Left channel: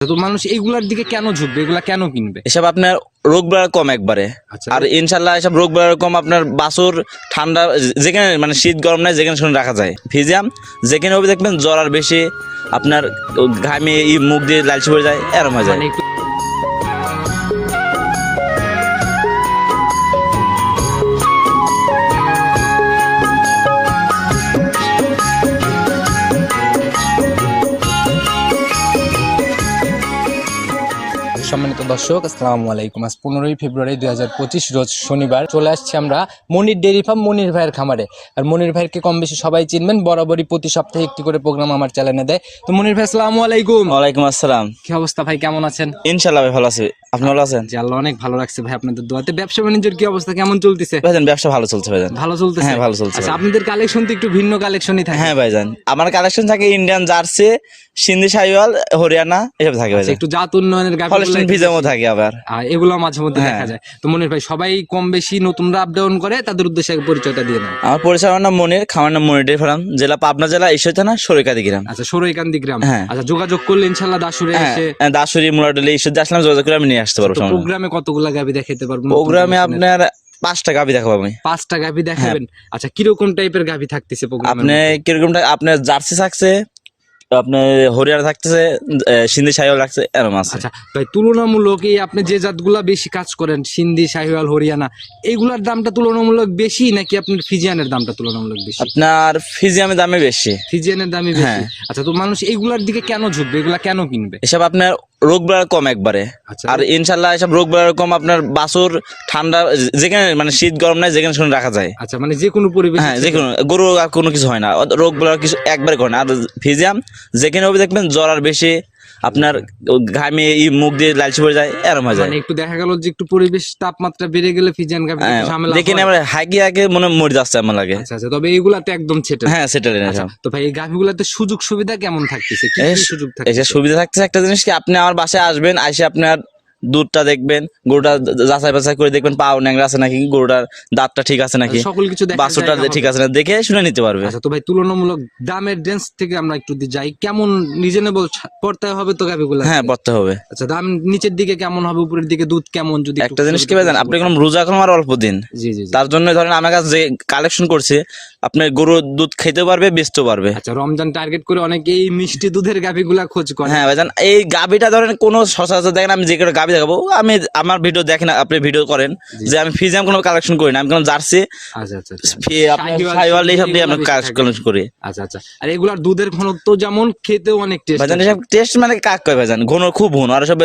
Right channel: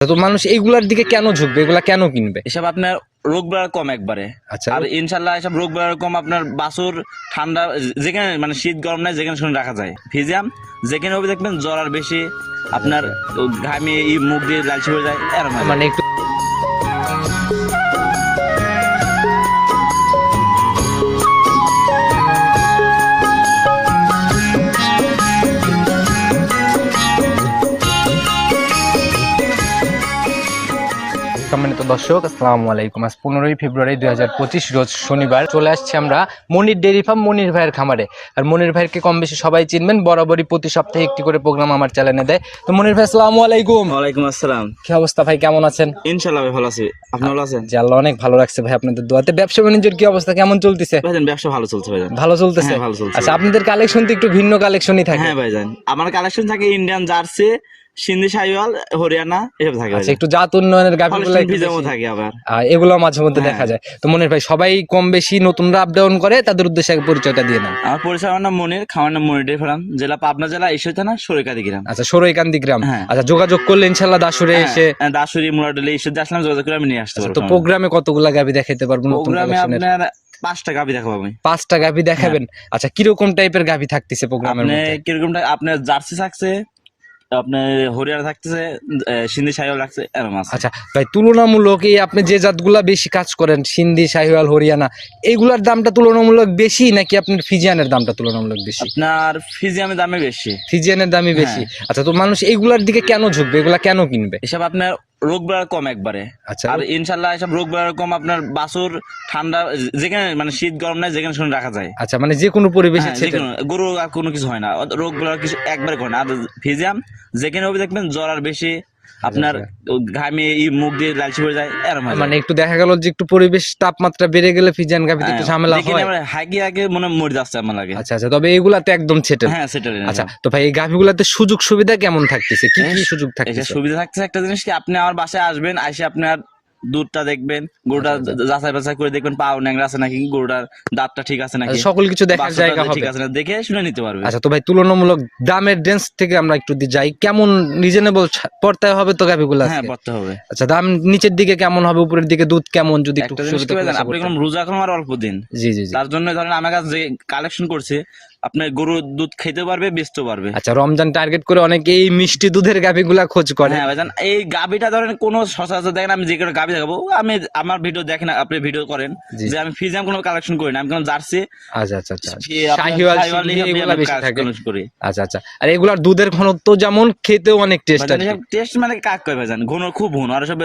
তো মানুষ এইগুলার দিকে কেন ঝুঁকবে? এগুলা কেন কিনবে? এসব আপনার রোগ বেড়া কম একবারে। আচ্ছা। আর ইনশাল্লাহ এসব রোগ বেড়া কম আপনার বাসুর ঠান্ডা যেখানে মানে শীত গরম নাই যেখানে শুনে রাখা যায়। ফিজিয়াম যেখানে হবে দেখবেন জ্বর আর বেশি আপনার ঘামে মুখ দিয়ে লালচি হয়ে যায় এরম হয়ে যায়। সম্মানিত দর্শক আসসালামু আলাইকুম। আজ পনেরোই ফেব্রুয়ারি দুই হাজার পঁচিশ রোজ শনিবার। চলে আসছে আমরা মনির ডেয়ারি ফার্ম মনির ভাইয়ের খামারে। আর মনির ভাইকে কম বেশি সবাই চিনবেন বরাবরই প্রতি সপ্তাহে একটি করে প্রোগ্রাম আমার চ্যানেলে দেয়। তো মনির ভাই আসসালামু আলাইকুম। ওয়ালাইকুম আসসালাম। কি অবস্থা ভাই কেমন আছেন? ইনশাল্লাহ ভাই ভালো আছি। আপনি ভালো আছেন? জি আল্লাহ অনেক ভালো লাগছে ভাই আপনাদের দোয়াতে। ব্যবসা বাণিজ্যের কি অবস্থা কেমন চলতেছে? ভাইজান ব্যবসা ভালো চলছে ভাইজান। ভালো চলতেছে? হ্যাঁ, ভালো চলছে। আচ্ছা আপনাদের কালেকশন তো একটু ভিন্ন কালেকশনই থাকে। হ্যাঁ ভাইজান। আমার কালেকশন থাকে ইন্ডিয়ান জার্সি সিন্ধি সাইওয়াল হরিয়ানা এসব থাকে আচ্ছা একটু জাত উন্নয়নের গাভি ভিজামও থাকে আবার। এগুলো মাঝে মধ্যে হ্যাঁ। দেখা যায়। তো মনির ভাই সবাই কম বেশি নতুনরা আপ ডাউন করে তাদের উদ্দেশ্যে পরিচয়টা দিয়ে নেন আমার পরিচয় আমার নাম মনির খামার নাম মনির ফার্ম জেলা পাবনা জেলা ঈশ্বর থানা গ্রাম। আচ্ছা সরৈকান্দি গ্রাম। হ্যাঁ। আচ্ছা যোগাযোগ করলে ইনশাল্লাহ দাসুরে এসে হ্যাঁ, দাসুরি মুরাডলি ঈশ্বর আসলাম যোগাযোগ করে আমি নিয়ে আসতে পারব সমস্যা নেই। প্রোগ্রামে কতগুলা গাভি দেখাইতে পারব? প্রোগ্রামে আপনার পাঁচটা গাভি দেখাবো আমি। পাঁচটা গাভি দেখাবেন? আচ্ছা কীরকম টাইপের গাভি থাকতেছে প্রোগ্রামে আপনি কিরকমটা আপনার জার্সি থাকছে আপনার হরিয়ানা থাকতেছে সিন্ধি সাহিওয়াল রাখছে এরম আছে। আচ্ছা ভাই তুলনামূলক এই আপনি যে জাতগুলা বেশি কাজ করেন সিন্ধি সাহিওয়াল হরিয়ানা এইগুলার দামটা তুলনামূলক বেশি নাকি আপনার ফিজিয়ানের দামটা তুলনামূলক বেশি? আপনার ফিজিয়ামের দামে বেশি। ফিজিয়ানের দামই বেশি। হ্যাঁ। আচ্ছা তো মানুষ এইগুলার দিকে কেন ঝুঁকবে? এগুলা কেন কিনবে? এসব আপনার রোগ বেড়া কম একবারে। আচ্ছা। আর ইনশাল্লাহ এসব রোগ বেড়া কম আপনার বাসুর ঠান্ডা যেখানে মানে শীত গরম নাই যেখানে শুনে রাখা যায়। আচ্ছা মানে যে কোনো পরিবেশ হ্যাঁ যে কোনো গরু আর কোনো কিছু হয় না। রোগ বেড়া কিছু একবারে করে না। আর ফিজিয়াম যেখানে হবে দেখবেন জ্বর আর বেশি আপনার ঘামে ই মুখ দিয়ে লালচি পড়ে যায় এরম হয়ে যায় মানে একটু দেখা গেল যে একটু পরিবেশ তাপমাত্রা বেড়ে গেলে ফিজিয়ান গাবি হ্যাঁ, একটু ঝামেলা দেখে হয়। আমার হাগি আগে মনে মরে যাচ্ছে আমার লাগে। আচ্ছা আচ্ছা তবে এইগুলাতে একদম ছেটে হ্যাঁ সেটা আচ্ছা তো ভাই এই গাভিগুলাতে সুযোগ সুবিধা কেমন থাকতেছে? কি কি সুযোগ থাকে থাকতেছে সুবিধা থাকতেছে একটা জিনিস কি আপনি আমার বাসায় আসবেন আসে আপনার দুধটা দেখবেন গরুটা যাচাই বাছাই করে দেখবেন পাও ন্যাংরা আছে নাকি গরুটার দাঁতটা ঠিক আছে নাকি সকল কিছু বাছুরটা ঠিক আছে না দেখে শুনে নিতে পারবে। আচ্ছা তো ভাই তুলনামূলক দামের রেঞ্জ থেকে আমরা একটু যাই। কেমন রিজনেবল পড়তে হবে তো গাভিগুলা হ্যাঁ পড়তে হবে। আচ্ছা দাম নিচের দিকে কেমন হবে উপরের দিকে দুধ কেমন যদি একটা জিনিস কি জানেন আপনি কোনো রোজা এখন আর অল্প দিন। জি জি তার জন্য ধরেন আমার কাছে যে কালেকশন করছে আপনার গরু দুধ খেতে পারবে বেচতে পারবে। আচ্ছা রমজান টার্গেট করে অনেকে এই মিষ্টি দুধের গাভিগুলা খোঁজ করে। হ্যাঁ ভাইজান এই গাবিটা ধরেন কোনো সচরাচর দেখেন আমি যে কোনো গাবি দেখাবো। আমি আমার ভিডিও দেখেন আপনি ভিডিও করেন যে আমি ফিজিয়াম কোনো কালেকশন করি না আমি কোনো জার্সি আচ্ছা আচ্ছা আচ্ছা। আমি। কালেকশন করি। আচ্ছা আচ্ছা। আর এগুলার দুধের ঘনত্ব যেমন খেতেও অনেক টেস্ট ভাইজান টেস্ট মানে কাক কয় ভাইজান? ঘন খুব ঘন। আর সব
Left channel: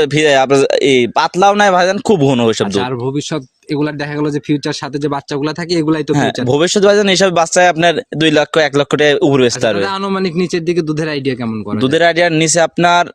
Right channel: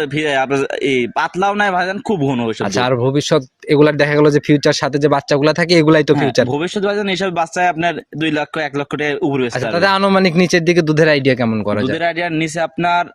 এই পাতলাও নাই ভাইজান খুব ঘন ওইসব সব আর ভবিষ্যৎ এগুলার দেখা গেল যে ফিউচার সাথে যে বাচ্চাগুলা থাকে এগুলাই তো ফিউচার ভবিষ্যৎ ভাইজান এইসব বাচ্চায় আপনার দুই লক্ষ এক লক্ষ টাকা উপরে বেচতে পারবে। আনুমানিক নিচের দিকে দুধের আইডিয়া কেমন করা দুধের আইডিয়ার নিচে আপনার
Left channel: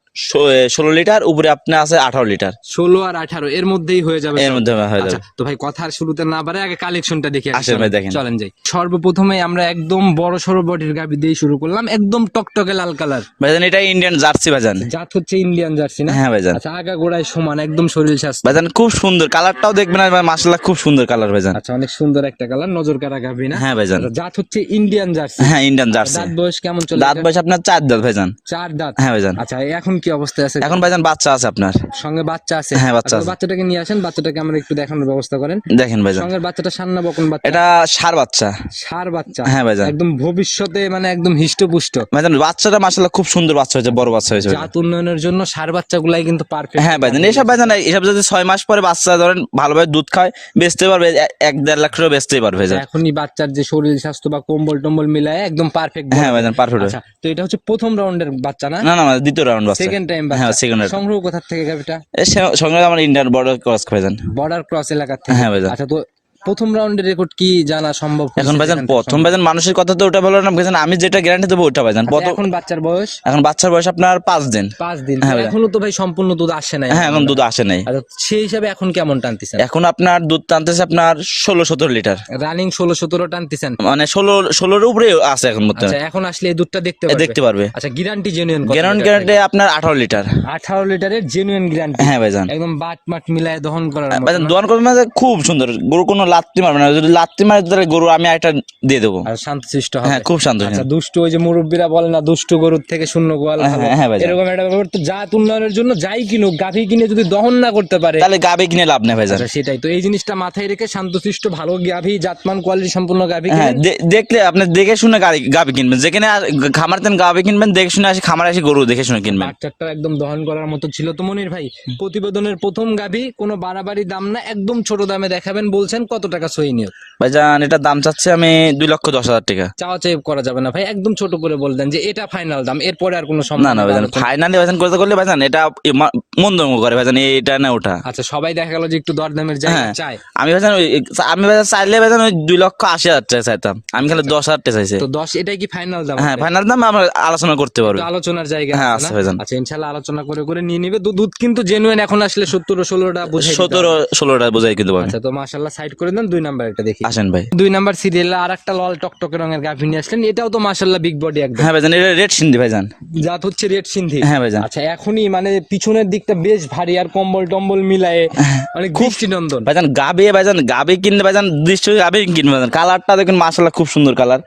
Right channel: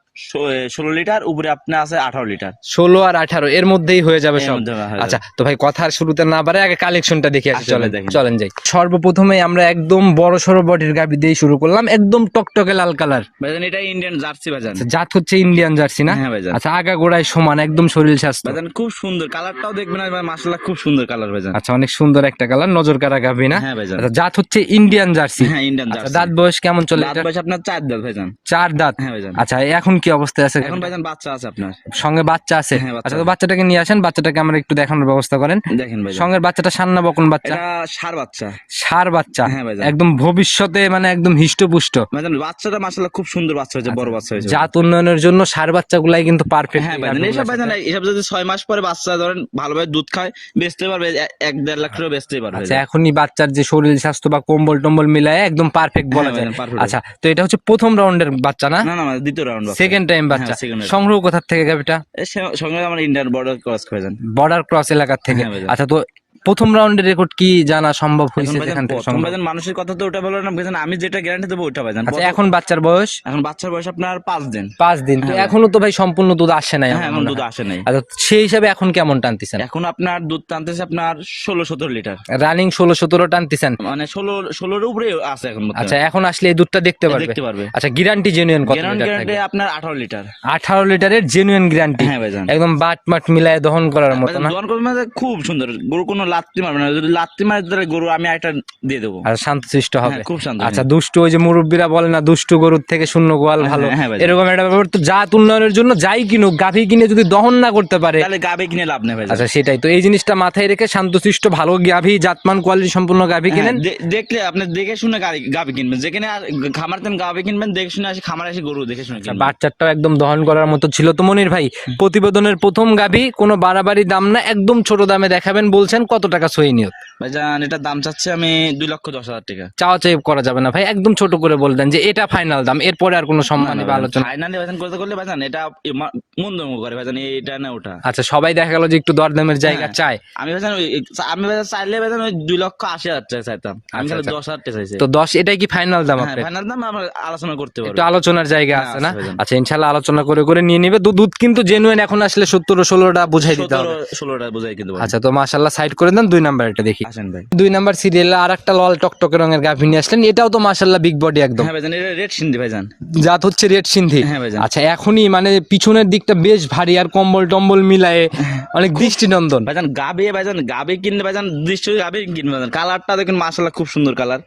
ষোলো লিটার উপরে আপনার আছে আঠারো লিটার। ষোলো আর আঠারো এর মধ্যেই হয়ে যাবে এর মধ্যে আচ্ছা তো ভাই কথার শুরুতে না পারে আগে কালেকশনটা দেখে চলেন চলেন যাই। সর্বপ্রথমে আমরা একদম বড় সড়ো বডির গাবি দিয়ে শুরু করলাম একদম টকটকে লাল কালার। ভাইজান এটা ইন্ডিয়ান জার্সি ভাইজান জাত হচ্ছে ইন্ডিয়ান জার্সি না? হ্যাঁ ভাইজান আচ্ছা আগা গোড়ায় সমান একদম শরীর স্বাস্থ্য। ভাইজান খুব সুন্দর। কালারটাও দেখবেন মাসাল্লাহ খুব সুন্দর কালার ভাইজান। আচ্ছা অনেক সুন্দর একটা কালার। নজর কারা গাবি না? হ্যাঁ ভাইজান। আচ্ছা, জাত হচ্ছে ইন্ডিয়ান জার্সি হ্যাঁ ইন্ডিয়ান জার্সি দাঁত বয়স কেমন চলে দাঁত বয়স আপনার চার দাঁত ভাইজান। চার দাঁত। হ্যাঁ ভাইজান। আচ্ছা এখন কি অবস্থায় আছে? এখন ভাইজান বাচ্চা আছে আপনার। সঙ্গে বাচ্চা আছে? হ্যাঁ, বাচ্চা আচ্ছা। বাচ্চাটাকে নিয়ে আসেন বাচ্চাটাকে আমরা একটু দেখানোর ব্যবস্থা করেন। দেখেন ভাইজান। সঙ্গে বাচ্চাটা সান্না বকন বাচ্চা। এটা সার বাচ্চা। সার বাচ্চা। হ্যাঁ ভাইজান। একদম ভবিষ্যতে মানে একদম হিষ্টপুষ্ট। ভাইজান বাচ্চাটা মাসাল্লাহ খুব সুন্দর বাচ্চা হয়েছে বড় বাচ্চা হয়েছে জাত উন্নয়নের জন্য সার বাচ্চাগুলাই কিন্তু পারফেক্ট হ্যাঁ ভাইজান এসব ভাইজান এসব যদি ছয় মাস পরে বাচ্চা ধরেন ভালোভাবে দুধ খায় বেচতে পারবে এক দেড় লাখ টাকা বেচতে পারবে ভাইজান এখনই বাচ্চার যে শরীর স্বাস্থ্য বা কম্বল টম্বল মিলায় একদম পারফেক্ট হ্যাঁ পারফেক্ট আচ্ছা তো এটা হচ্ছে প্রথম রাউন্ডের বাচ্চা না? না না না, দ্বিতীয় রাউন্ড বাচ্চা। সেকেন্ড টাইম বাচ্চা। হ্যাঁ সেকেন্ড সংগ্রহ কোথা থেকে গাবিটা এর সঙ্গে- সঙ্গে আমার ইন্ডিয়ান বর্ডার ক্রস ভাইজান। বর্ডার ক্রস এলাকার থেকে। হ্যাঁ। আচ্ছা তো প্রথম রাউন্ডের রেকর্ড কি জানা সম্ভব এখন ভাইজান প্রথম? ভাইজান মানুষের কথা তো ওটা বলো না ভাইজান আমি যেটা গ্যারান্টি দেবো ওটা ভাইজান। আচ্ছা, এখন বাচ্চার বয়স? এখন বাচ্চার বয়স আপনার পাঁচ দিন। পাঁচ দিন। হ্যাঁ। এখনও তো ভাই সম্পূর্ণ দুধ আসে নাই হ্যাঁ এখন দুধ আসে নাই। আচ্ছা সেই হিসাবে এখন কেমন টানতেছেন? এখন আপনার দুধ টানতেছে আপনার ষোলো সতেরো লিটার। রানিং ষোলো সতেরো টানতেছেন? মানে ষোলো ষোলোর উপরে আছে এখন আচ্ছা এখন আসলে এই দুধটা দেখতে পারবে? দেখতে পারবে। আচ্ছা গ্যারান্টি জেনুইন গ্যারান্টি গ্যারান্টি আপনার আঠারো লিটার। আঠারো লিটারের জেনুইন গ্যারান্টি হ্যাঁ ভাইজান। একদম বাট মাট মিলায় দহন করার মতো ভাইজান না? দোয়ান করবেন না খুব সুন্দর। গরু কোনো লাত্তি মারবে না যদি লাত্তি মারে তাহলে গরু আমি একটা দিয়ে দেবো। আর শান্তশিষ্ট হবে। হ্যাঁ খুব শান্ত আচ্ছা দুষ্টু ওই যে মুরব্বীরা বলে না দুষ্টু গরুর থেকে শূন্য গোয়াল ভালো। হ্যাঁ, হ্যাঁ ভাইজান। এরকম একটা ব্যাপার। তো জাত উন্নয়নের জন্য যাই কিনুক গাভী কিনে যদি দহন না করতে পারে তাহলে গাবে কিনে লাভ নেই ভাইজান আচ্ছা সেটাই। তো এই জিনিসটা মাথায় রেখে শান্তশিষ্ট ভালো গাভী জাতমান কোয়ালিটি সম্পূর্ণ গাভী হ্যাঁ, কিনেন। দেখলে আপনি দেখে শুনে গাবি কিনবেন। যেখানে খামার তেন গাবি কিনবেন দেখে শুনে আসি খামার আসি গরু দেখে শুনে কিনবেন। বাচ্চাটাও একদম দহন করার মতো ছিল। তো মনির ভাই প্রতিবেদনের প্রথম গাভী কোনো বাড়াবাড়ি দাম না একদম ছোট দামে দেখাবেন বলছেন। কত টাকা সই নিয়ত? ভাইজান এটার দাম চাচ্ছে আমি দুই লক্ষ দশ হাজার টাকা। চাওয়া চাই করা যাবে না ভাই একদম ছোট করে বলতেন যে এটা ফাইনাল দাম এরপরে আর কোনো সম্মান না ফাইনালি ভাইজান করতে করলে ভাইজান এটা মন্দ করে ভাইজান এটা না ওটা। আচ্ছা সবাই দেখা গেল যে একটু দরদামের জায়গা হ্যাঁ। চায়। আমি ভাইজান আমি ভাইজান চাইলে ভাইজান ওই দুই লক্ষ আশি হাজার টাকা চাইতাম আমি খালি দশ হাজার টাকা চাইছি। তো দশ এটাই কি ফাইনাল দাম হ্যাঁ ফাইনাল দাম আমরা আলোচনা করতে পারব। আলোচনার জায়গা হ্যাঁ, আছে না? আচ্ছা ইনশাল্লাহ আলোচনা করে করে নিয়ে নিবে। দুধ কিন্তু জেনুইন এখন আসলে সত্তর ষোলোটা বুঝাই সতেরো। ষোলোটা বোঝাই কিন্তু আচ্ছা তো মাশাল্লাহ সাইড করে দেন দুই নাম্বার এটা দেখি। আসেন ভাই। দুই নাম্বার সিরিয়ালে আর একটা লাল টকটকে রঙের গাভী নিয়ে আসলেন এটাও তো মাশাল্লাহ বিগ বডি একদম। হ্যাঁ ভাইজান এটা রেড সিন্ধি ভাইজান। জাত হচ্ছে রেড সিন্ধি। হ্যাঁ ভাইজান। আচ্ছা এখনই মানে পিছনের দিকটা বেশ ভারী আর কম্বল টম্বল মিলায়ে অনেক দৃষ্টি নন্দন ভাইজান গাবে ভাইজান গাবে কিনলে ভাইজান দৃষ্টি গাবে কিনবে ভাইজান। কালারটা দেখুন মাশাআল্লাহ খুব সুন্দর কালার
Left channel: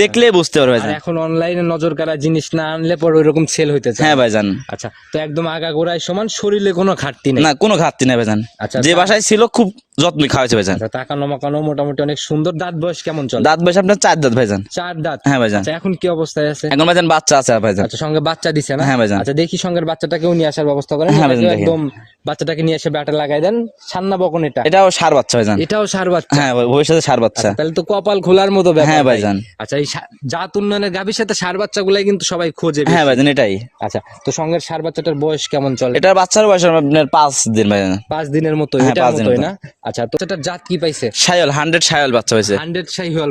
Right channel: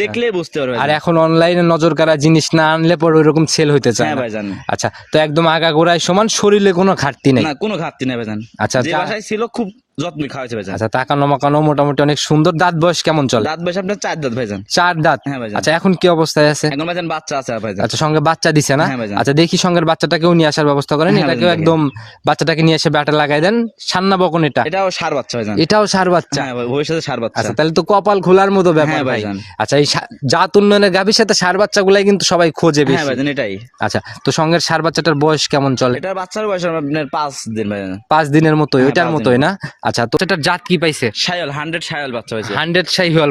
দেখলে বুঝতে পারবে আর এখন অনলাইনে নজর কাড়া জিনিস না আনলে পরে ওইরকম সেল হইতে চায় হ্যাঁ ভাইজান। আচ্ছা তো একদম আগা গোড়ায় সমান শরীরে কোনো ঘাটতি নেই। না কোনো ঘাটতি নাই ভাইজান। আচ্ছা, যে বাসায় ছিল খুব যত্ন খাওয়াইছে ভাইজান। আচ্ছা তাকানো মাকানো মোটামুটি অনেক সুন্দর। দাঁত বয়স কেমন চলে? দাঁত বয়স আপনার চার দাঁত ভাইজান। চার দাঁত? হ্যাঁ ভাইজান। আচ্ছা এখন কি অবস্থায় আছে? এখন ভাইজান বাচ্চা আছে ভাইজান। আচ্ছা সঙ্গে বাচ্চা দিছে না? হ্যাঁ ভাইজান। আচ্ছা দেখি সঙ্গের বাচ্চাটাকেও নিয়ে আসার ব্যবস্থা করেন। হ্যাঁ এটাকেও একদম বাচ্চাটাকে নিয়ে এসে ব্যাটে লাগাই দেন। সান্না বকন এটা। এটাও সার বাচ্চা ভাইজান। এটাও সার বাচ্চা। হ্যাঁ ভবিষ্যতে সার বাচ্চা। আচ্ছা তাহলে তো কপাল খোলার মতো ব্যাপার হ্যাঁ ভাইজান। আচ্ছা এই জাত উন্নয়নের গাভীর সাথে সার বাচ্চাগুলাই কিন্তু সবাই খোঁজে হ্যাঁ ভাইজান এটাই। আচ্ছা তো সঙ্গের সার বাচ্চাটার বয়স কেমন চলে? এটার বাচ্চার বয়স আপনার পাঁচ দিন ভাইজান। পাঁচ দিনের মতো হ্যাঁ, এটার মতোই না? আচ্ছা তো এটার জাত কি পাইছে? সায়ল হান্ড্রেড সায়ল বাচ্চা হান্ড্রেড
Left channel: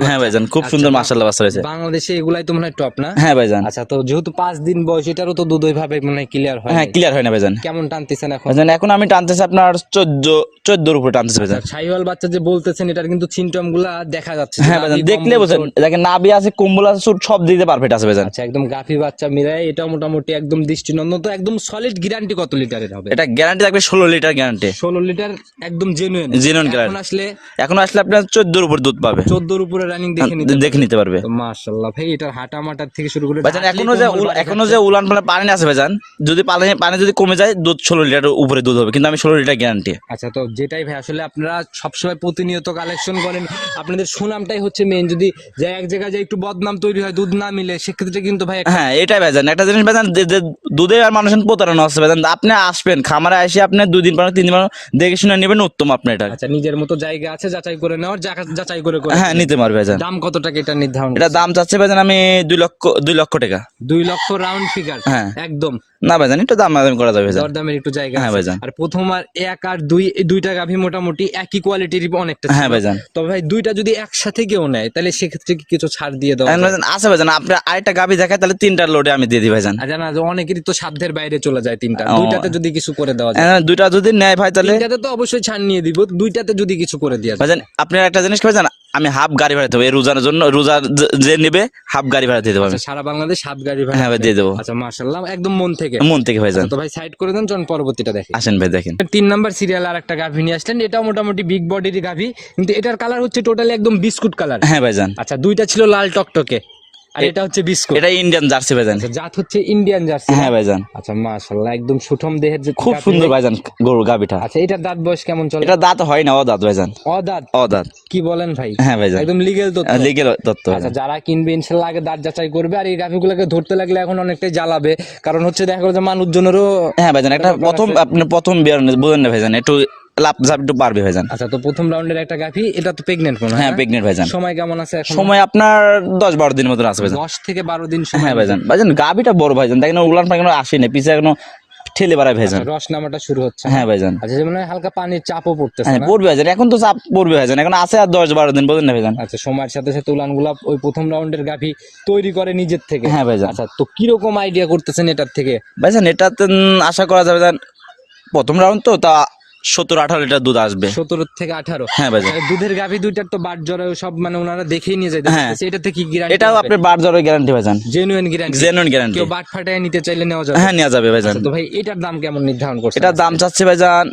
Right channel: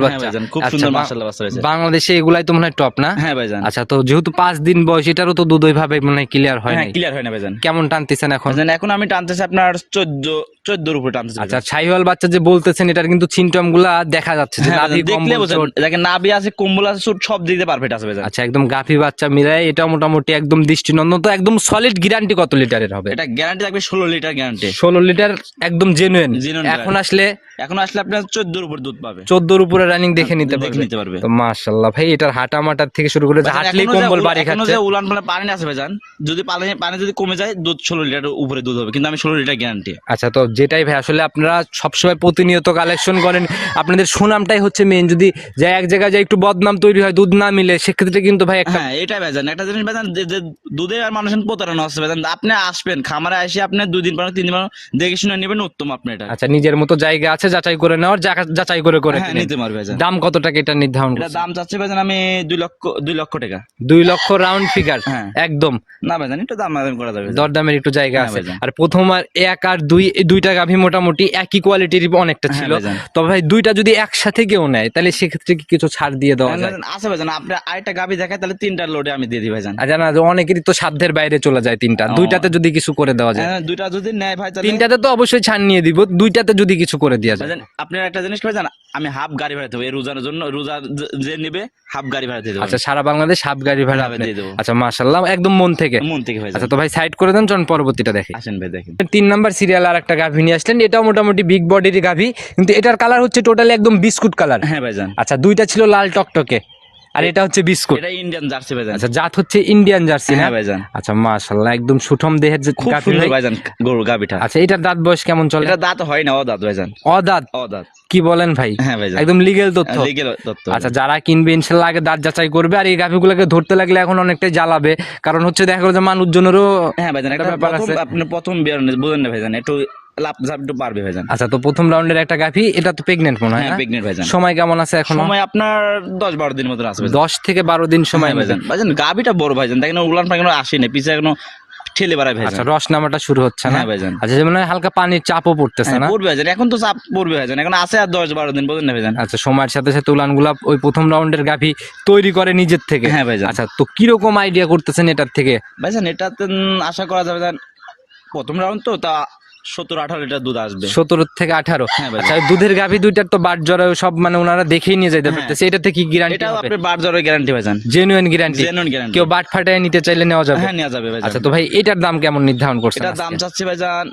হ্যাঁ ভাইজান খুব সুন্দর মাসাল্লাহ বাচ্চা হয়েছে বাংলাদেশে এগুলাই তো মনে হয় টপ না? হ্যাঁ ভাইজান। আচ্ছা তো যেহেতু পাঁচ দিন বয়স এটারও তো দুধ ওইভাবে মনে হয় ক্লিয়ার হয় হ্যাঁ ক্লিয়ার হয় না ভাইজান। কেমন টানতেছেন এখন? এখন আমি টানতেছি আপনার চোদ্দ চোদ্দোর উপরে টানতেছি আচ্ছা ভাইজান। বাচ্চা যে বলতেছেন এটার কিন্তু সিমটমগুলা দেখা যাচ্ছে হ্যাঁ দেখলে বোঝেন দেখেন নাভি আছে কম্বল আছে সব দিতে পারফেক্ট আছে ভাইজান। আচ্ছা একদম গাফি বাচ্চা মিলায় এটা মোটামুটি একদম দৃষ্টিনন্দন তো একদম সলিড গ্যারান্টি কত লিটারের হবে? এটা গ্যারান্টি থাকবে ষোলো লিটার গ্যারান্টি ষোলো লিটার একদম জেনুইন এখন আসলে এখন আসলে আপনার চোদ্দোর উপর দুধ পাবে। চোদ্দোর উপরে রানিং দেখে নিতে দেখে নিতে পারবে। মাশাল্লাহ ভাই এটার হাঁটা মাটার থেকে শুরু করে এখনও যে যে উলান পালান পানি ভাইজান যদি পানি পানি যদি কমে যায় দুধ ষোলো লিটার উপরে দুধ হবে কিন্তু আমি ষোলো লিটার গ্যারান্টি আচ্ছা তো যেটাই ভাই আসলে আপনারা সবসময় প্রতিনিয়ত কালেকশন করেন। আপনাদের সুনামটাই হচ্ছে মেন যদি যে এক জায়গায় যায় একটু বদনাম তৈরি হয় দুধ না মিলে সেক্ষেত্রে কিন্তু ভাই হ্যাঁ এটাই ভাইজান। একটা জিনিস ভাইজান যে- যে দুধে আর মানুষের প্রতারণা হচ্ছে ভাইজান আপনি আসবেন খামারে এসে আপনি দুদিন পর তিন দিন পর দেখে শুনে নেবেন উত্তম আপনি এটা। আচ্ছা নিজের মতো জায়গা আছে যাচাই করে নেওয়ার যাচাই করে করে হ্যাঁ নিতে পারবে দাম কত টাকা এটা নির্ধারণ এটা দাম চাচ্ছে ভাইজান আমি দুই লক্ষ দুই লক্ষ টাকা। দুই লক্ষ রাউন্ড ফিগার হ্যাঁ। একদম। না ভাইজান একটু দাম দাম করা যাবে। দরদামের একটু জায়গা হ্যাঁ আছে। ভাইজান। আর প্রথম আর এক আর দুই দুইটা গাভী মোটামুটি একই কোয়ালিটির অনেকটা হ্যাঁ ছিল ভাইজান। তবে ভাই দুইটা যদি একসাথে কেউ নেয় তাহলে সেক্ষেত্রে কি কিছু ছাড় দিয়ে দেওয়া হ্যাঁ ভাইজান, আছে ভাইজান। আপনি আরেকটা গাবি দেখায় তাহলে তিনটার লোডে আমি দিয়ে দিই ভাইজান। আর জানা যে অনেকেরই তো সাধ্যের বাইরে চলে যায় তিনটা। দুইটাতে যদি কিছু করে দেওয়া যায়। হ্যাঁ, দুইটা যদি নেয় ভাই তাহলে তিনটাতে তো অবশ্যই ছাড় নিয়ে দিব। দুইটাতে যদি কিছু করে দেওয়া যায়। ভাইজান আপনি একটা জিনিস ভাইজান? আমি হাফ গাড়ি ভাড়া দেবো। এই রোজার জন্য রোজা যে- নেবে হাফ গাড়ি ভাড়া দিয়ে দেবো আচ্ছা সারা বাংলাদেশ হাফ গাড়ি ভাড়া দিয়ে দেবো। আচ্ছা মাশাল্লাহ একদম মন থেকে। মন থেকে ভাইজান। আচ্ছা, তো ভাই সাইড করে দেন চলুন পরবর্তীটা দেখে। আসেন ভাই দেখেন। তিন নাম্বার সিরিয়াল আর একটা গাভী নিয়ে আসলেন। এটাও মোটামুটি বিগ বডির গাভী কিন্তু এটার কালার হচ্ছে টোটালি একদম বিস্কুট কালার হ্যাঁ ভাইজান। আচ্ছা দুইটা ছিল লাল টকটকে। আর এটা হচ্ছে বিস্কুট। এটা ইন্ডিয়ান জার্সি ভাইজান। আচ্ছা জাত হচ্ছে ইন্ডিয়ান জার্সি হ্যাঁ ভাইজান। আচ্ছা মাশাল্লাহ একদম সুঠম দেহের যে খুব সুন্দর ভাইজান গরু গাবিটা আচ্ছা এটার দাঁত বয়স কেমন চলে? এটা দাঁত হয় না ও দাঁত ভাইজান। অদাঁত? ও দাঁত কি বলেন ভাই? হ্যাঁ ভাইজান। একদম লিগেল তথ্য। লিগেল তত্ত্ব আচ্ছা যারা কিনবে ইনশাল্লাহ আগে দাঁত যাচাই করবে আর এই গাভিগুলোকে ধরতে লাগলে এখন অনেকটাই জ্বালাবে। কারণ হচ্ছে দেখা গেলো যে মানুষজনেরও হ্যাঁ ভাইজান একটা প্রথম। আপনি প্রথম বিয়ার বুঝেন না ভাইজান একটু লাভ ঝাপ একটু পারবে ভাইজান। আচ্ছা তো প্রথম রাউন্ডের একটা গাভি এটা তো প্রেগনেন্ট মনে হয় হ্যাঁ? প্রেগনেন্ট ভাইজান। সময় কেমন আছে এখন? সময় আপনার দশ বারো দিন মতন আসবে দশ থেকে বারো দিন সময় হ্যাঁ ভাইজান। ভাইজান গাবিটা বড় ভাইজান দেখেন উলান পাখানো আসে না পিছে এখনও ঠেলে বেড়ায় ভাইজান। আচ্ছা রস নামাটা শুরু হচ্ছে না? হ্যাঁ ভাইজান। আচ্ছা যেমন হালকা পানির চাপও পড়তেছে হ্যাঁ না? পড়বে ভাইজান এখন তো চাপ পড়বে ভাইজান এখন আছে আর দশ বারো দিন বুঝেন না ভাইজান। আচ্ছা সময়ের সাথে সাথে উলানগুলা ওই প্রথম রাউন্ডের গাভি তৈরি করে নিজের থেকে। হ্যাঁ ভাইজান। আচ্ছা তো কীরকম আইডিয়া করতেছেন এটার থেকে? ভাইজান এটাতে আশা করা যাবে প্রথম রাউন্ড তো তা সত্তর আঠারো লিটার দুধ আসবে। সতেরো থেকে আঠারো। হ্যাঁ আচ্ছা, দুধের গাভি দুইটার তো বাট জরায়ু সব মানে ওনারা দেখেই নিয়ে যেতে হ্যাঁ। পারতেছে। এটাতে কি গ্যারান্টি এটাও আপনি বার জ্বরের গ্যারান্টি ভাইজান। জেনুইন গ্যারান্টি জেনুইন গ্যারান্টি কেউ বাট ফাটায় নিতে চাইলে নেওয়া যাবে। হ্যাঁ নেওয়া যাবে ভাইজান। আচ্ছা তো ভাই এটার দাম কেমন নির্ধারণ করছে এটার দাম চাচ্ছে ভাইজান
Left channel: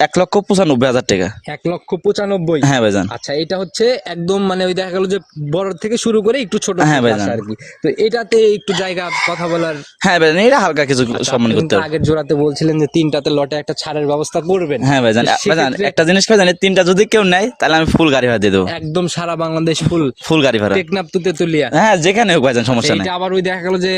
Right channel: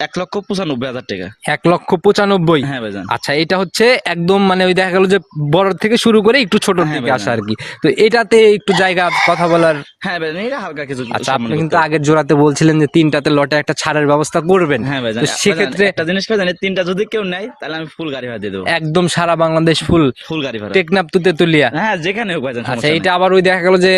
এক লক্ষ পঁচানব্বই হাজার টাকা। এক লক্ষ পঁচানব্বই? হ্যাঁ ভাইজান। আচ্ছা এটা হচ্ছে একদম মানে ওই দেখা গেল যে বড় থেকে শুরু করে একটু ছোট হ্যাঁ আসা আর কি। তো এটাতে একটু জায়গা কথা বলার হ্যাঁ ভাইজান এটা হালকা কিছু আচ্ছা, সম্মান করতে কিন্তু আগের জোড়াতে বলছিলেন যে তিনটাতে লটে একটা ছাড়ের ব্যবস্থা করবেন। হ্যাঁ ভাইজান সেক্ষেত্রে একটা জিনিস ভাইজান তিনটা যদি কেউ নেয় তাহলে আমি ফুল গাড়ি ভাড়া দিয়ে দেবো। একদম সারা বাংলাদেশ ফুল। ফুল গাড়ি ভাড়া। টেকনাপ তুতে তুলিয়া হ্যাঁ যেখানে হোক ভাইজান আচ্ছা, সমস্যা এটা আবার ওই দেখা গেল যে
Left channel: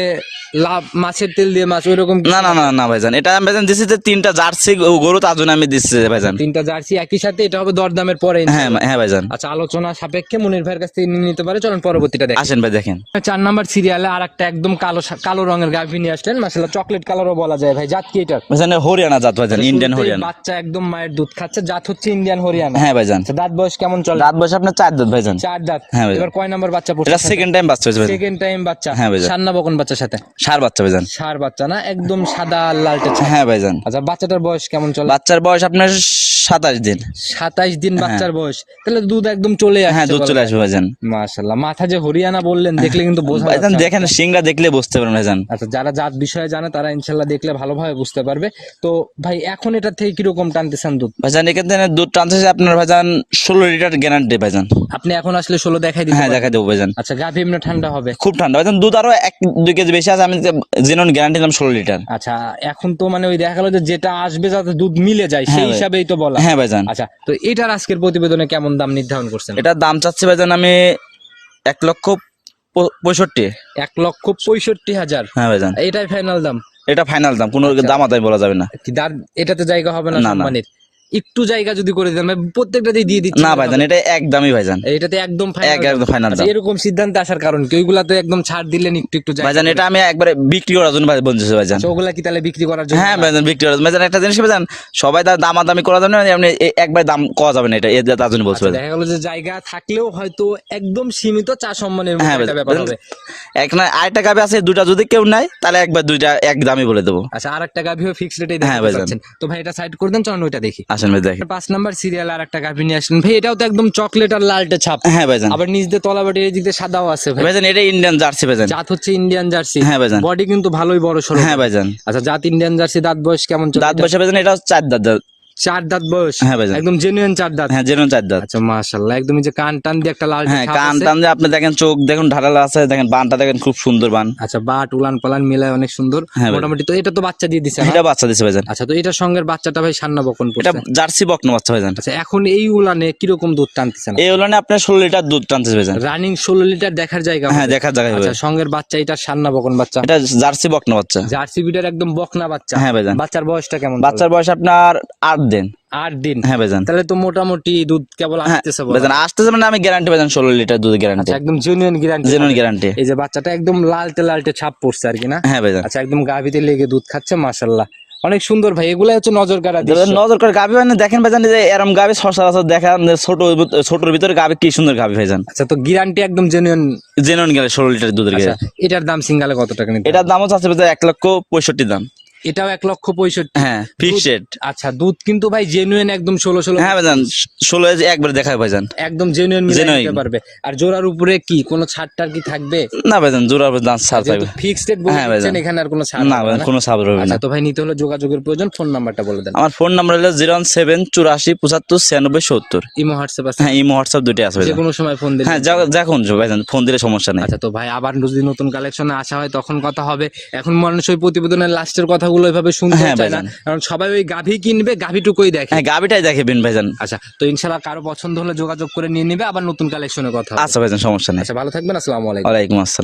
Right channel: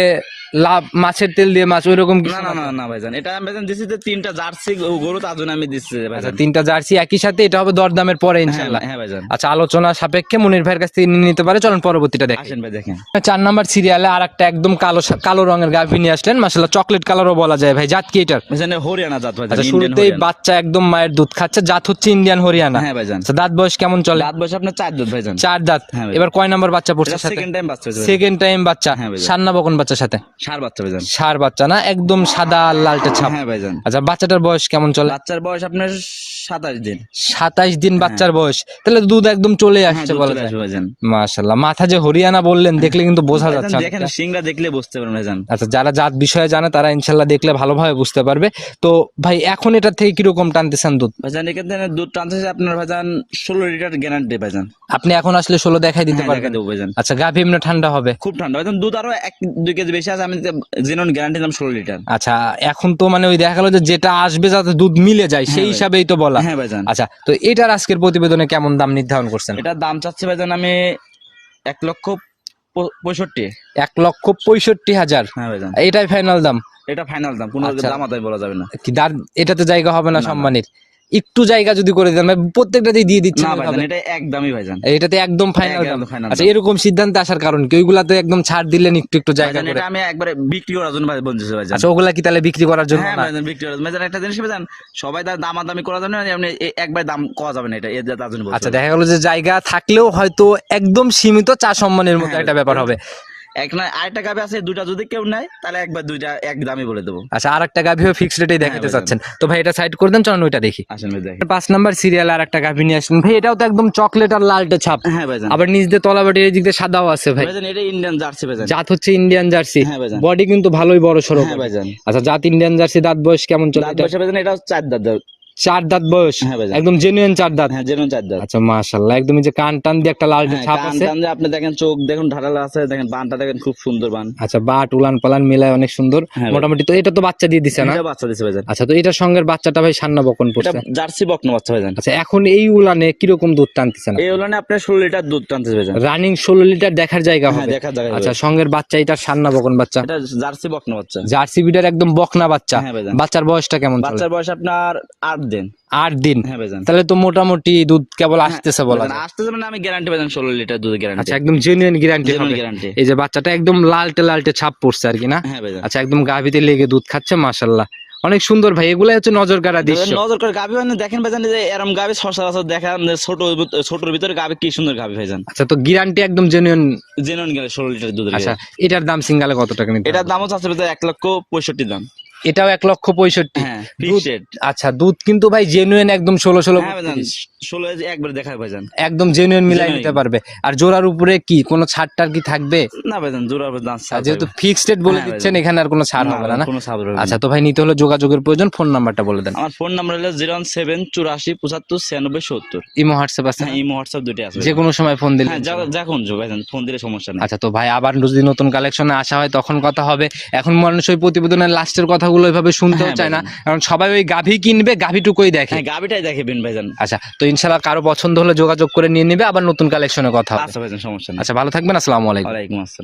লাভ মাছের তেল দিয়ে মাছ ওই রকম না না? না না ভাইজান। এটা আমি ভাইজান দিচ্ছি যে তিনটা জার্সি গরু তার জন্য আমি দিচ্ছি ভাইজান। তিনটা জার্সি একই সাথে এটা হবে দরদামের পরে হ্যাঁ। হ্যাঁ ভাইজান। আচ্ছা আলোচনা সাপেক্ষে মুনির ভাইয়ের কাছ থেকে নিতে পারে। চলুন পরবর্তীটা দেখ। আসেন ভাই দেখেন। চার নাম্বার সিরিয়ালে আর একটা একদম কালো কালো রঙের গাভী নিয়ে আসলেন। মাসাল্লাহ চকলেট কালারও বলা যায় ভাই। জাত কি এটার? ভাইজান হরিয়ানা জাত ভাইজান আচ্ছা, ইন্ডিয়ান হরিয়ানা। বাচ্চা একদম মায়ের দুধ খাচ্ছে। জাত হচ্ছে ইন্ডিয়ান হরিয়ানা। হ্যাঁ ভাইজান। আচ্ছা, দাঁত বয়স কেমন চলে? রাত বসে আপনার চার দাঁত ভাইজান। চার দাঁত। হ্যাঁ এবার কয় নাম্বার বাচ্চা পড়ছে সেকেন্ড টাইম বাচ্চা সেকেন্ড টাইম বাচ্চা। হ্যাঁ ভাইজান। সান্না বকন বাচ্চার সাথে? সার বাচ্চা ভাইজান। সার বাচ্চা না? একদম সাদা লালটা ছাপ। হ্যাঁ ভাইজান। আচ্ছা বাচ্চাটার বয়স কেমন চলে? বাচ্চার বয়স আপনার সাতাশ দিন। সাতাইশ দিন বাচ্চার বয়স। তাহলে দুধ একদম চলে হ্যাঁ আসছে দুধ চলে আসবে ভাইজান। মাশাল্লাহ মাথা যে হরিয়ানা বললেন দেখলে কিন্তু বোঝা যাচ্ছে দেখেন সিংরা দেখলে বুঝতে পারেন ভাইজান। আচ্ছা যারা জাত বিষয়ে জানে তারা ইনশাল্লাহ দেখলে ভালোভাবে বুঝতে পারবে। তো ভাই এখন এটা থেকে কীরকম টানতেছেন দুধ? ভাইজান এখান থেকে দুধ টানছে আপনার ভাইজান ষোলো লিটার গ্যারান্টি ভাইজান। আপনি এখন আসলে ষোলো দেখাই দিতে হ্যাঁ পারবেন। দেখা দেবো ভাইজান। আচ্ছা গাভী এমনি ঠান্ডা হবে। খুব ঠান্ডা। ভাইজান দুধ আরও এক দুই কেজি বেশি আছে আমি জেনুন গ্যারান্টি দিলাম ষোলো লিটার। আচ্ছা এখন তো মানে ওই দেখা গেল যে যেটা আসবে যাতে দুধ মিলে যায় সেই হ্যাঁ হিসাবেই তো বলা। হ্যাঁ ভাইজান। আচ্ছা তো এটার আজকের প্রতিবেদনে কেমন দাম নির্ধারণ করছেন? এটার দাম চাচ্ছি ভাইজান আমি এক লক্ষ পঁয়ষট্টি। এক লক্ষ পঁয়ষট্টি হাজার। হ্যাঁ ভাইজান। এটাই ফাইনাল দাম। এটা ফাইনাল দাম কোনো আচ্ছা। দাম আদায় বলা যাবে না। কি দার এটাতে জায়গা হবে না। সম্মানের। একটু জায়গা যদি করে দেন ভাই প্রত্যেকটাতেই দিয়ে দিচ্ছি না ভাইজান এটা একদমই ভাইজান। এটাতে একদম ফাইনাল আচ্ছা এরকম সিদ্ধান্তে আসার কারণ কি? ওইগুলাতে একদম ছাড় দিলেন একটু একটু জায়গা ভাইজান এটা আমি একবারে বিক্রি করার জন্য ভাই বলতেছি ভাইজান। আচ্ছা ওগুলা কি তাহলে বিক্রি করার জন্য হ্যাঁ? ভাইজান বিক্রি করার জন্য। ভাইজান একটা জিনিস ভাইজান? সবাই তার দামাদামি করার জন্য এ- একবার দাম করা যাবে না এটা এর তার জন্য বলছি আচ্ছা দেখা গেল যে জায়গা থাকলেও হয়তো একদম সীমিত চা সম্মানের মতো হ্যাঁ, একটা ব্যাপার হবে। এক না আরেকটা গাবি আছে দুটা যদি কেউ নেয় তাহলে একবার দুইটা এক দামই বলে দেবো। আচ্ছা আর একটা গাভিও ফিক্স রেটেই হ্যাঁ, দেখাতে চাচ্ছেন। তো ভাই এটা সাইড করে দেন চলুন ওইটা দেখি। আসেন ভাই দেখেন। পাঁচ নাম্বার সিরিয়াল আর একটা গাভি নিয়ে আসলেন। ভাই এটাও তো একদম চকলেট আর লালটা ছাপ। হ্যাঁ ভাইজান। আবার নিচ দিয়ে তলাবাটির এই দিক দিয়ে সাদাও আছে ভাই। ভাইজান এটা ইন্ডিয়ান জার্সি ভাইজান। জাত হচ্ছে ইন্ডিয়ান জার্সি হ্যাঁ ভাইজান। বডি কিন্তু ভালোই বড় সড়ো হ্যাঁ ভাইজান। আচ্ছা জাত ইন্ডিয়ান জার্সি দাঁত বয়স কেমন চলে? দাঁত? বসে ভাইজান এটা হচ্ছে চার দাঁত। চার দাঁত বয়স। হ্যাঁ একদম জেনুইন চার দাঁত। হ্যাঁ যেরকম চার দাঁত। আচ্ছা মাশাআল্লাহ একদম যে কান টান দিয়ে একটা লাল হ্যাঁ ছাপ কান টান দিয়ে আপনি দেখেন চোখ দেখুন ঢালালা আছে দেখেন বানটা দেখেন খুব সুন্দর বান। আচ্ছা বাট উলান পালান মিলায় অনেক সুন্দর। হ্যাঁ মোটামুটি তো এটা তো বাচ্চা দিয়ে দিছে না? এটা বাচ্চা দিছে ভাইজান। আচ্ছা তো এটার সঙ্গে বাচ্চাটা ভাই সান্না বকন এটা জার্সি বকনো বাচ্চা ভাইজান। আচ্ছা এখন এই উলানে কীরকম দুধ টানতেছে না? এই হলো না আপনার লিটার দুধ টানছে ভাইজান। রানিং ষোলো লিটার দেখার জায়গা হ্যাঁ দেখার জায়গায় আচ্ছা। সঙ্গের বাচ্চা এটা সান্না বকন বাচ্চা। এটা জার্সি বকনো বাচ্চা। জার্সি বিডের একদম বকনা বাচ্চা। হ্যাঁ ভাইজান। বাচ্চার বয়সটা কেমন বাচ্চার বয়স আপনার আট দিন। আট দিন? হ্যাঁ ভাইজান তাহলে তো মোটামুটি দুধ কেবল হ্যাঁ, আসতেছে বলা ভাইজান আসতেছে মানে আমি গ্যারান্টি ভাইজান ষোলো লিটার দুধ গ্যারান্টি আচ্ছা একদম জেনুইন গ্যারান্টি জেনুইন গ্যারান্টি এই যে বাচ্চাটা একদম লালটে লালটে ছাপ পড়ছে আর কি না? হ্যাঁ ভাইজান আচ্ছা একদম গাভিতে লেগে দুধ খাচ্ছে মাশাল্লাহ অনেক সুন্দর ভাই এগুলাই হচ্ছে নজর কাড়া দৃশ্য। নজর করে গাবি মানে দেখেন ভাইজান যে এরম গাবি সচরাচর দেখা যে ছোট ছোটর ভিতরে গাবি কি সুন্দর গাবি ভাইজান। আচ্ছা তো গ্যারান্টি একদম জেনুইন জেনুইন গেলে ষোলো লিটার দুধের আচ্ছা এটার দাম সিঙ্গালে কত টাকা নিতে এটার দাম হচ্ছে এক লক্ষ পঁয়ষট্টি দাম। এটাও এক লক্ষ পঁয়ষট্টি। হ্যাঁ ফিক্সড আচ্ছা দুধ কিন্তু ভাই জেনুইন একদম ষোলো ষোলো হ্যাঁ ভাইজান ষোলো একবার দেখায় ভাইজান। একদম জেনুইন মিলে নিতে পারবে। আর জোড়ার উপরে কি কোনো ছাড়টার কি থাকবে? না ভাইজান জোড়া দাম ছাড় যেহেতু ফিক্সড রেট হ্যাঁ, এখানে আর কোনো ছাড় না কোনো সাবর হবে আচ্ছা তো ভাই নিতে হলে যোগাযোগের প্রয়োজন ফোন নাম্বারটা বলে দেন। আমার ফোন নাম্বার হলো জিরো ওয়ান সেভেন চুরাশি পঁচাত্তর ছিয়ানব্বই সত্তর। ইমো হোয়াটসঅ্যাপ আছে? হ্যাঁ ইমো হোয়াটসঅ্যাপ দুটোই আছে যে কোনো সময় ফোন দিলে হ্যাঁ যখন ভাইজান ফোন দিলে সমস্যা নেই। আচ্ছা তো ভাই আবার যদি নতুন কালেকশনে আসা হয় তখন কথা হবে। এখন মানুষ ওই প্রতিবেদনের লাস্টের কথাগুলো এভাবে শুনতে হ্যাঁ, চায় না। কারণ সবাই ওই গাভী কিনবে গাভীটুকুই দেখে। হ্যাঁ গাভীটাই দেখে বিন ভাইজান। আচ্ছা তো ইনশাআল্লাহ কারও পছন্দ হলে যোগাযোগ করে নিয়ে নেবে আবার নতুন কালেকশনের কথা আচ্ছা ভাইজান সমস্যা নেই। আচ্ছা ভালো থাকবেন আসসালামু আলাইকুম। ওয়ালাইকুম আসসালাম।